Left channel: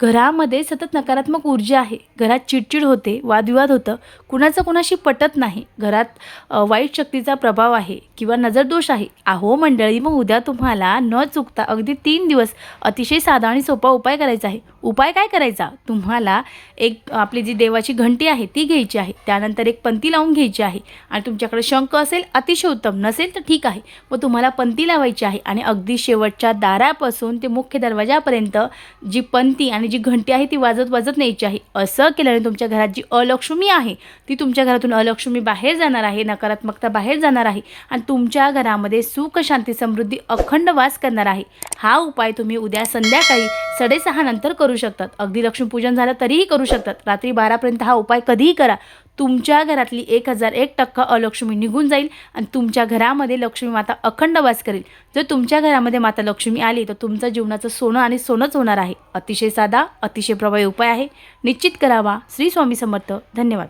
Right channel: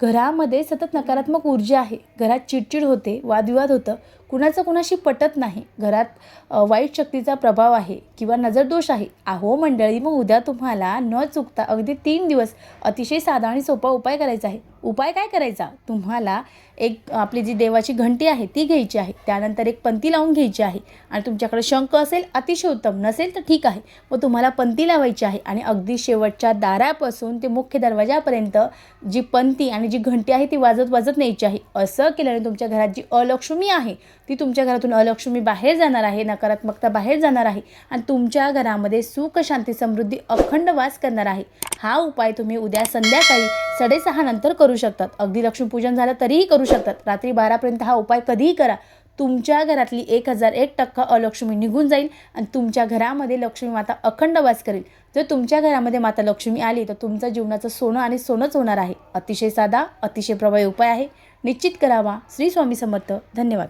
घरामध्ये सतत नकारात्मक ऊर्जा आहे, घरात चिडचिड होते, वादविवाद होतं, कुणाचं कुणाशी पटत नाही, घरात वाईट शक्तीचा प्रभाव आहे किंवा नजरदोष आहे. अहो मंडळी, मग उद्या तुम्हाला न चुकता अगदी 3 दिवस अतिशय साधा आणि सोपा उपाय करायचा आहे. उपाय काय करायचा? तुम्हाला एक आपली जी देवाची घंटी आहे ती घ्यायची आहे, त्यानंतर एक पंती लावून घ्यायची आहे आणि तुमच्याकडे शंख असेल अतिशय उत्तम, नसेल तर ठीक आहे. मग तुम्हाला पंती लावायची आहे आणि अगदी शेवटच्या दारापासून ते मुख्य दरवाजापर्यंत जी पंती आणि जी घंटी आहे ती वाजत वाजत न्यायची आहे. असं केल्याने तुमच्या घरात जी अलक्ष्मी आहे ती तुमच्या घरातून अलक्ष्मी बाहेर जाणार आहे, नकारात्मकता बाहेर जाणार आहे आणि तुमच्या घरामध्ये सुख, शांती, समृद्धी अखंड वास करणार आहे. हा उपाय तुम्ही उद्या संध्याकाळी 6:30 नंतर करू शकतात. अगदी लक्ष्मीपूजन झालं तरीही करू शकतात. रात्री 12पर्यंत हा उपाय कधीही करा. तुमच्या घरातली 1001% अलक्ष्मी निघून जाईल आणि तुमच्या घरामध्ये लक्ष्मी माता अखंड वास करेल. जर तुमच्या घरामध्ये माता लक्ष्मी आली तर तुमचं जीवनाचं सोनं आणि सोनंच होणार आहे. अतिशय साधा, अतिशय प्रभावी उपाय आहे. निश्चित करावा. श्री स्वामी समर्थ. धन्यवाद.